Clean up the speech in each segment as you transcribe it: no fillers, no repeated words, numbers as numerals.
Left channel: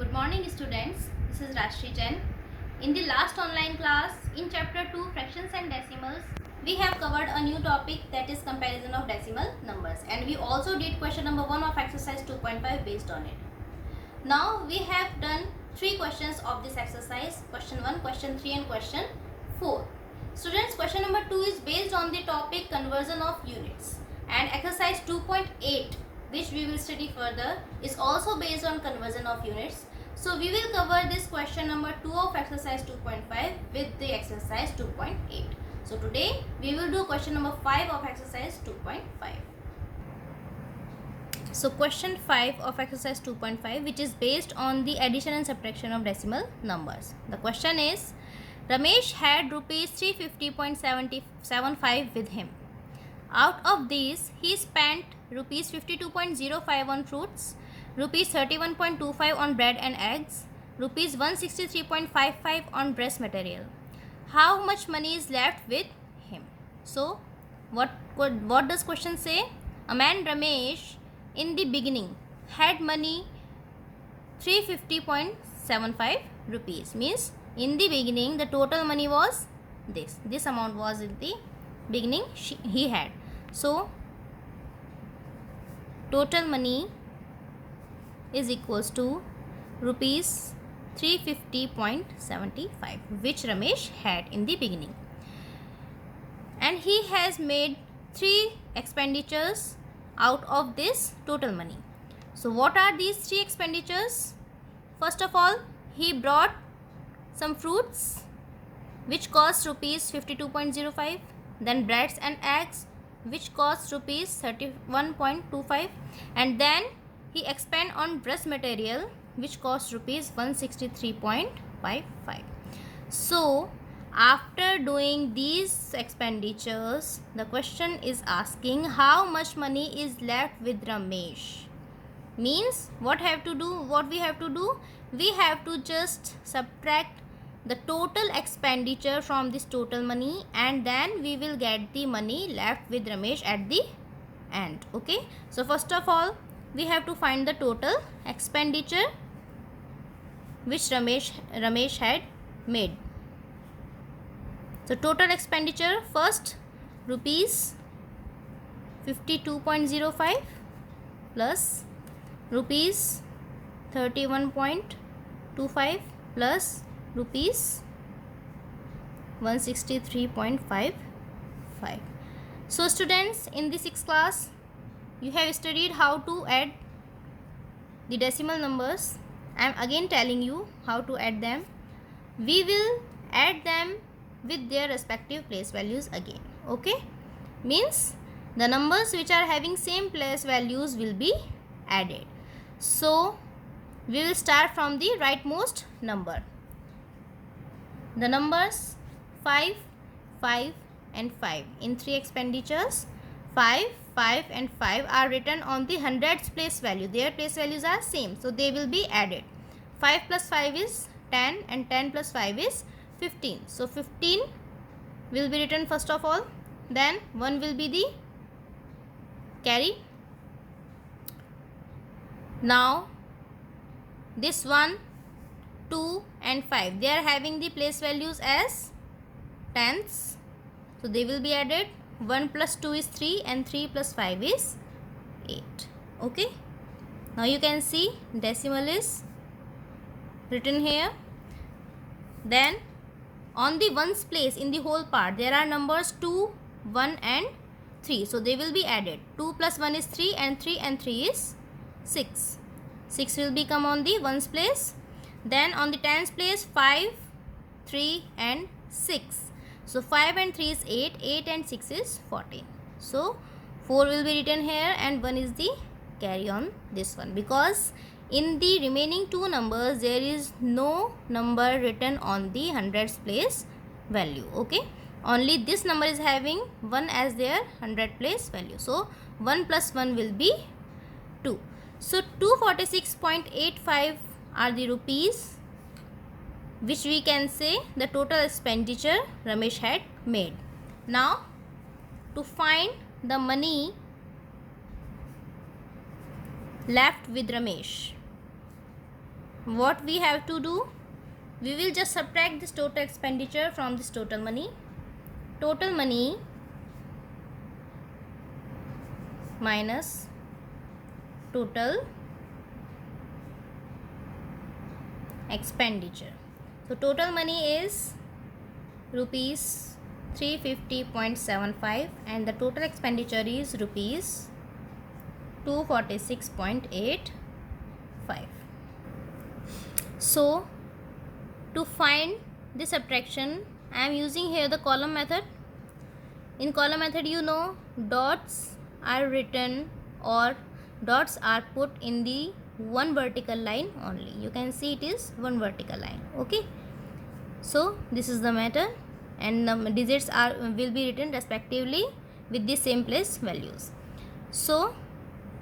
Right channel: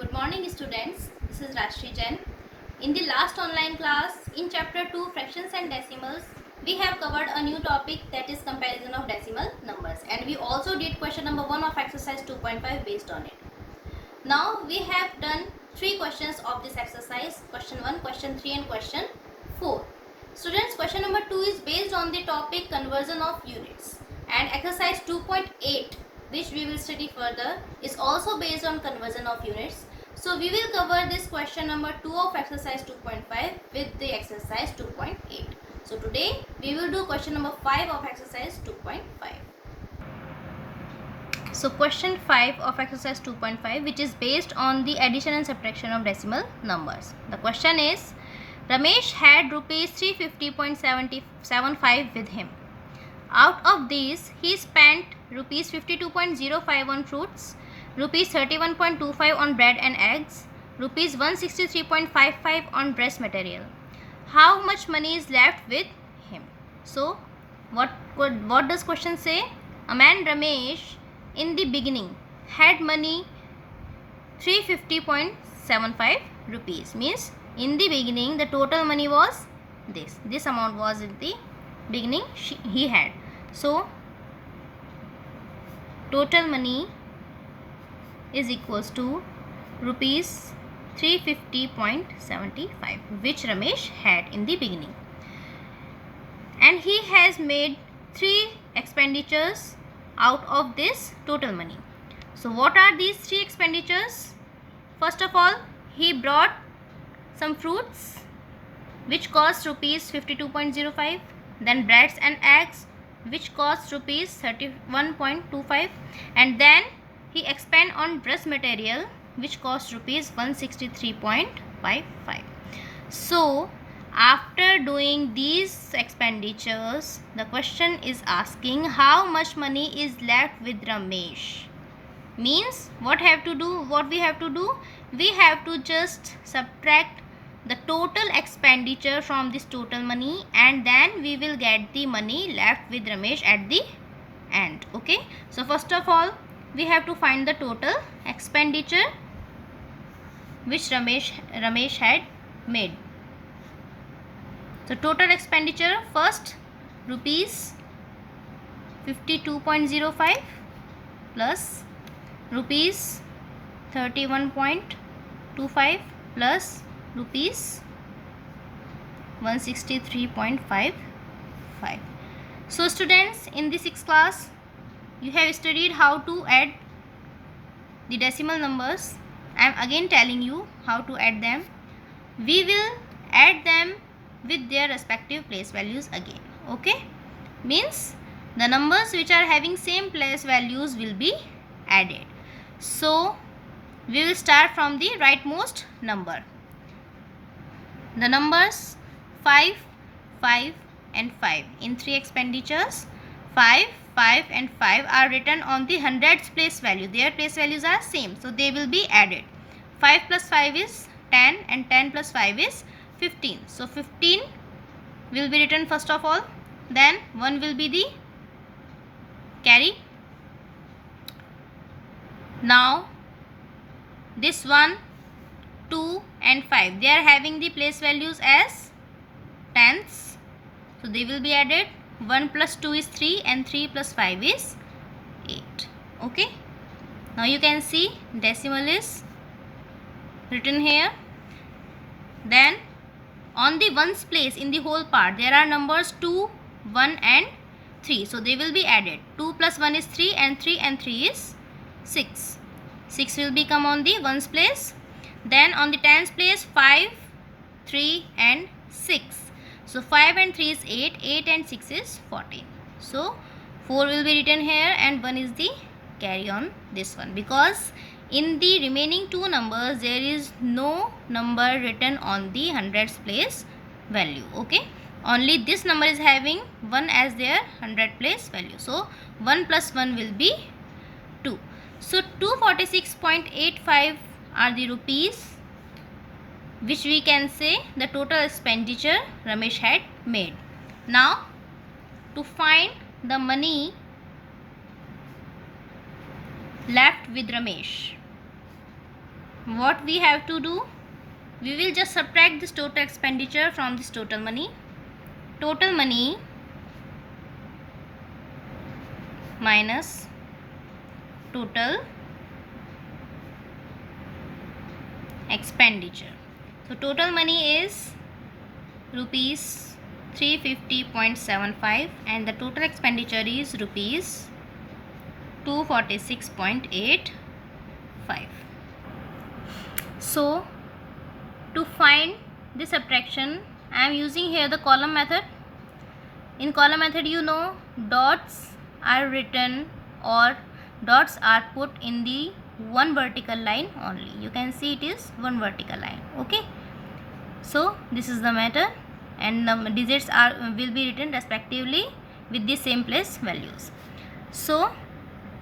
Good morning students, this is Rashri Jain. In the last online class, in chapter 2 fractions and decimals, we have covered a new topic, that is comparison of decimal numbers, and we also did question number 1 of exercise 2.5 based on it. Now we have done 3 questions of this exercise, question 1, question 3 and question 4. Students, question number 2 is based on the topic conversion of units, and exercise 2.8, which we will study further, is also based on conversion of units. So we will cover this question number 2 of exercise 2.5 with the exercise 2.8. So today we will do question number 5 of exercise 2.5. So question 5 of exercise 2.5, which is based on the addition and subtraction of decimal numbers. The question is, Ramesh had rupees 350.75 with him. Out of these, he spent rupees 52.05 on fruits, rupees 31.25 on bread and eggs, rupees 163.55 on dress material. How much money is left with him? So, what does question say? A man Ramesh in the beginning had money 350.75 rupees. Means in the beginning the total money was this amount was in the beginning he had. So total money is equals to rupees 350.75 which Ramesh had in the beginning, and he has made 3 expenditures out of this total money. So what are these 3 expenditures? First of all, he brought some fruits which cost rupees 52.05, then breads and eggs which cost rupees 31.25, and then he expend on dress material which cost rupees 163.55. So after doing these expenditures, the question is asking how much money is left with Ramesh. Means what we have to do? We have to just subtract the total expenditure from this total money, and then we will get the money left with Ramesh at the end. Okay, so first of all we have to find the total expenditure which Ramesh had made. So total expenditure, first rupees 52.05 plus rupees 31.25 plus rupees 163.55. So students, in the 6th class you have studied how to add the decimal numbers. I am again telling you how to add them. We will add them with their respective place values again. Okay, means the numbers which are having same place values will be added. So we will start from the rightmost number. The numbers 5, 5 and 5 in 3 expenditures. 5, 5 and 5 are written on the hundreds place value. Their place values are same, so they will be added. 5 plus 5 is 10 and 10 plus 5 is 15. So 15 will be written first of all, then 1 will be the carry. Now this 1, 2 and 5, they are having the place values as tenths, so they will be added. 1 plus 2 is 3 and 3 plus 5 is 8. Okay, now you can see decimal is written here. Then on the ones place in the whole part there are numbers 2, 1 and 3, so they will be added. 2 plus 1 is 3 and 3 is 6. 6 will become on the ones place. Then on the tens place 5, 3 and 6. So 5 and 3 is 8, 8 and 6 is 14. So 4 will be written here and 1 is the carry on this one, because in the remaining 2 numbers there is no number written on the hundreds place value. Okay, only this number is having 1 as their 100 place value. So 1 plus 1 will be 2. So 246.85 are the rupees which we can say the total expenditure Ramesh had made. Now to find the money left with Ramesh, what we have to do, we will just subtract this total expenditure from this total money. Total money minus total expenditure. So total money is rupees 350.75 and the total expenditure is rupees 246.85. So to find this subtraction, I am using here the column method. In column method, you know, dots are written or dots are put in the one vertical line only. You can see it is one vertical line. Okay, so this is the method, and the digits will be written respectively with the same place values. So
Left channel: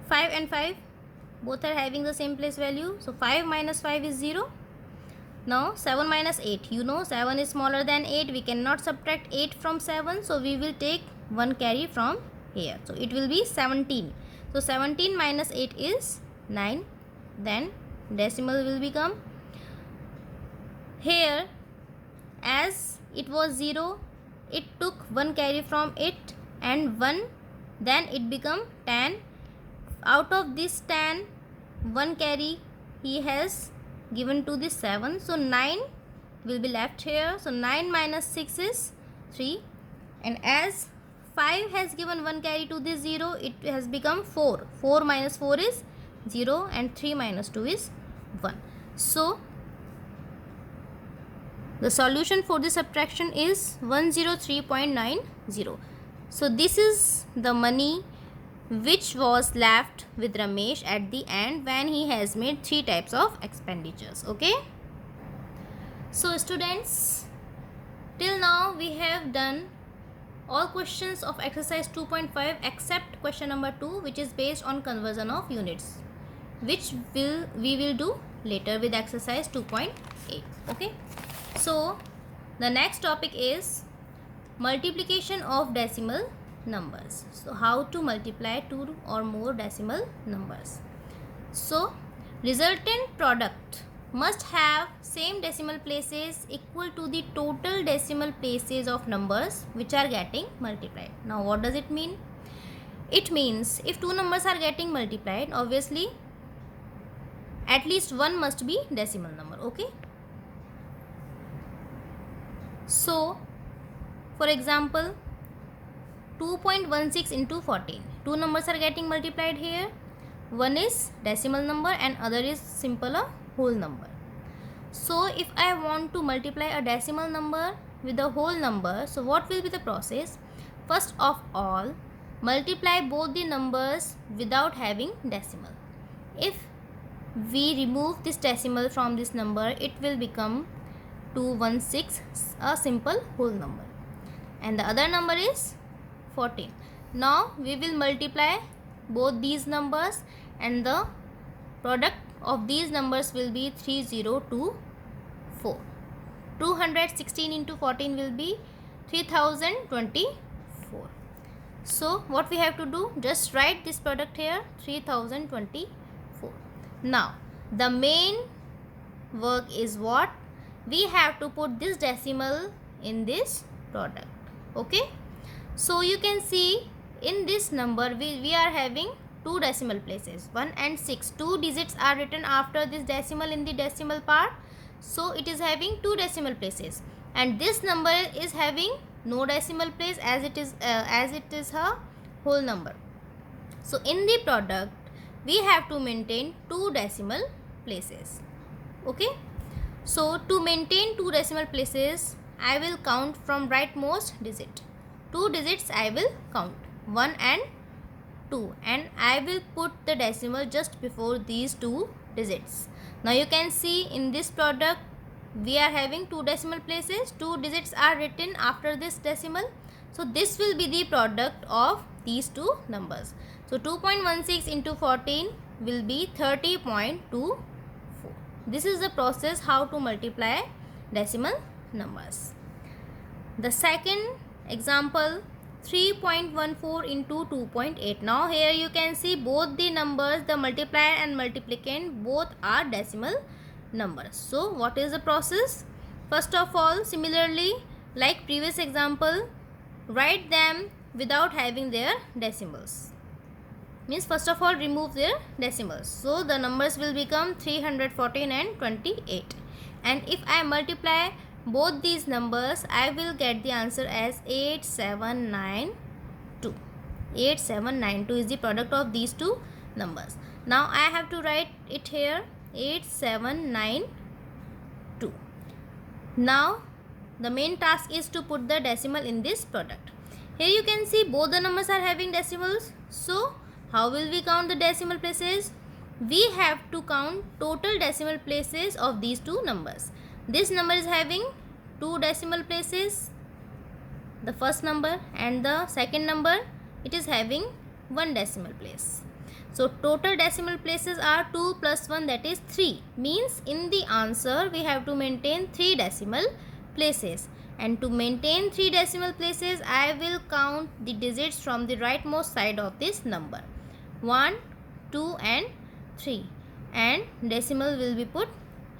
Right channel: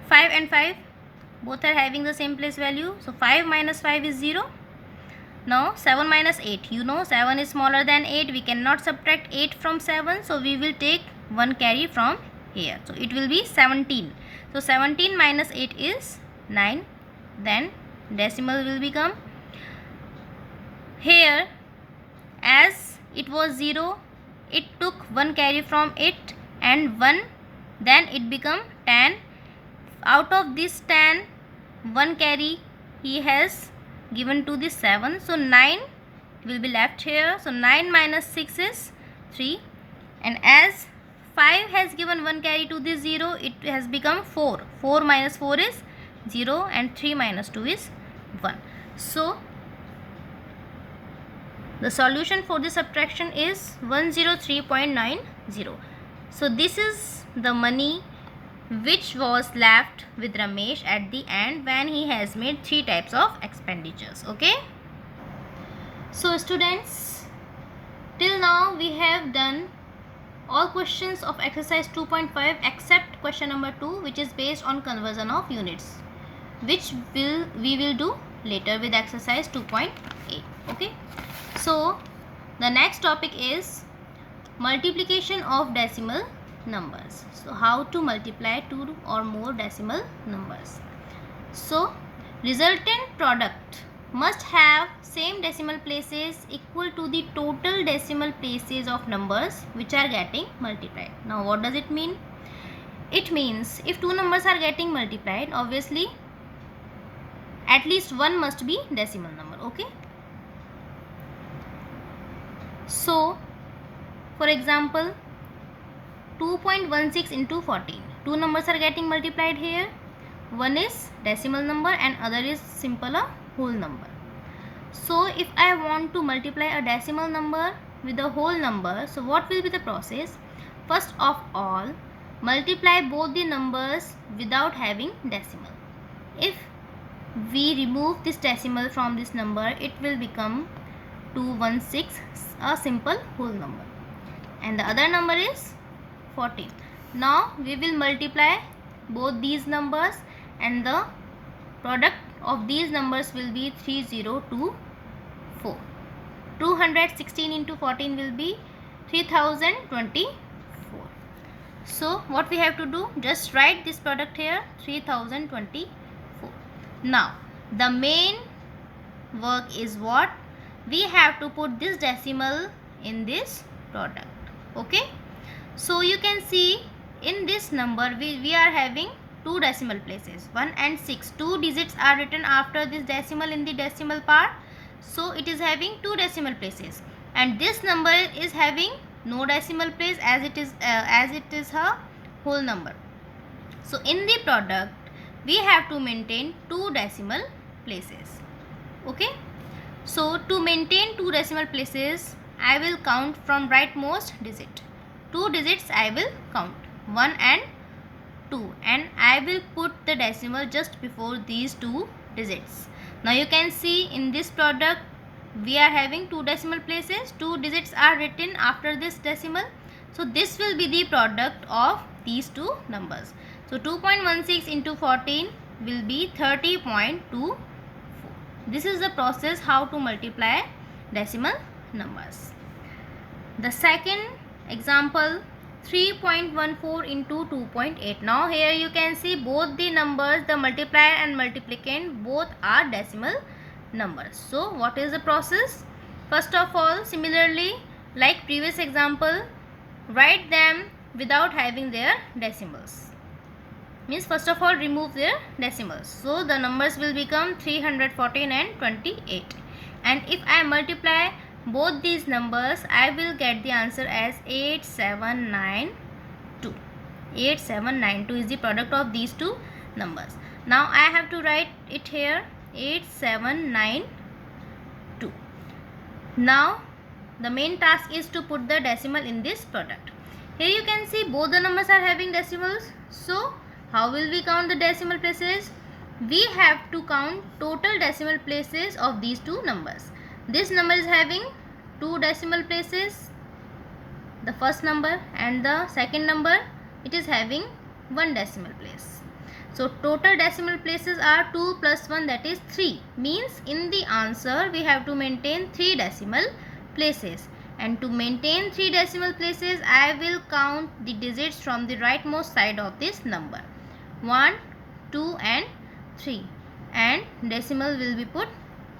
5 and 5 both are having the same place value, so 5 minus 5 is 0. Now 7 minus 8, you know 7 is smaller than 8, we cannot subtract 8 from 7, so we will take one carry from here, so it will be 17. So 17 minus 8 is 9, then decimal will become, here as it was 0, it took one carry from it and 1, then it become 10. Out of this 10, one carry he has given to the 7, so 9 will be left here. So 9 minus 6 is 3, and as 5 has given one carry to the 0, it has become 4. 4 minus 4 is 0 and 3 minus 2 is 1. So the solution for this subtraction is 103.90. So this is the money which was left with Ramesh at the end when he has made 3 types of expenditures. Okay. So students, till now we have done all questions of exercise 2.5 except question number 2, which is based on conversion of units, which we will do later with exercise 2.8. Okay. So the next topic is multiplication of decimal numbers. So how to multiply 2 or more decimal numbers. So resultant product must have same decimal places equal to the total decimal places of numbers which are getting multiplied. Now what does it mean? It means if two numbers are getting multiplied, obviously at least one must be decimal number. Okay. So for example, 2.16 into 14, two numbers are getting multiplied here. One is decimal number and other is simple a whole number. So if I want to multiply a decimal number with a whole number, so what will be the process? First of all, multiply both the numbers without having decimal. If we remove this decimal from this number, it will become 216, a simple whole number, and the other number is 14. Now we will multiply both these numbers and the product of these numbers will be 3024. 216 into 14 will be 3024. So what we have to do, just write this product here, 3024. Now the main work is what? We have to put this decimal in this product. Okay. So you can see in this number we are having two decimal places, 1 and 6. Two digits are written after this decimal in the decimal part. So it is having two decimal places, and this number is having no decimal place as it is a whole number. So in the product we have to maintain two decimal places. Okay. So to maintain two decimal places, I will count from rightmost digit. Two digits I will count, 1 and 2, and I will put the decimal just before these two digits. Now you can see in this product we are having two decimal places, two digits are written after this decimal. So this will be the product of these two numbers. So 2.16 into 14 will be 30.24. This is the process how to multiply decimal numbers. The second example, 3.14 into 2.8. Now here you can see both the numbers, the multiplier and multiplicand, both are decimal numbers. So what is the process? First of all, similarly like previous example, write them without having their decimals. Means first of all remove their decimals. So the numbers will become 314 and 28. And if I multiply both these numbers, I will get the answer as 8792. 8792 is the product of these two numbers. Now I have to write it here, 8792. Now the main task is to put the decimal in this product. Here you can see both the numbers are having decimals. So how will we count the decimal places? We have to count total decimal places of these two numbers. This number is having 2 decimal places, the first number, and the second number, it is having 1 decimal place. So total decimal places are 2 plus 1, that is 3. Means in the answer we have to maintain 3 decimal places. And to maintain 3 decimal places, I will count the digits from the rightmost side of this number. 1, 2 and 3. And decimal will be put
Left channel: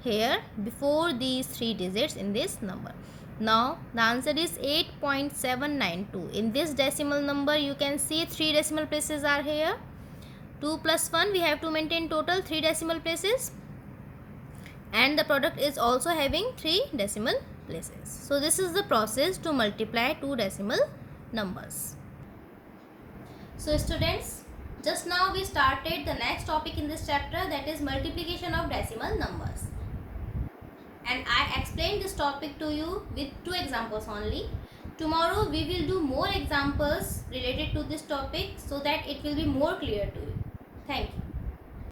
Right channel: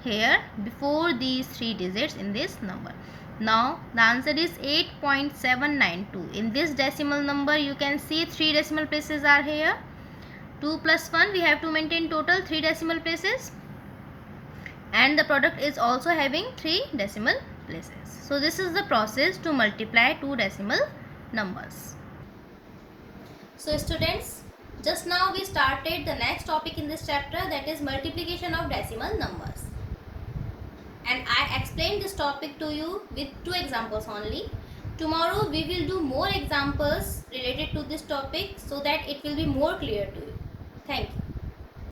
here before these 3 digits in this number. Now the answer is 8.792. In this decimal number you can see 3 decimal places are here. 2 plus 1, we have to maintain total 3 decimal places. And the product is also having 3 decimal places. So this is the process to multiply 2 decimal numbers. So students, just now we started the next topic in this chapter, that is multiplication of decimal numbers. And I explained this topic to you with 2 examples only. Tomorrow we will do more examples related to this topic so that it will be more clear to you. Thank you.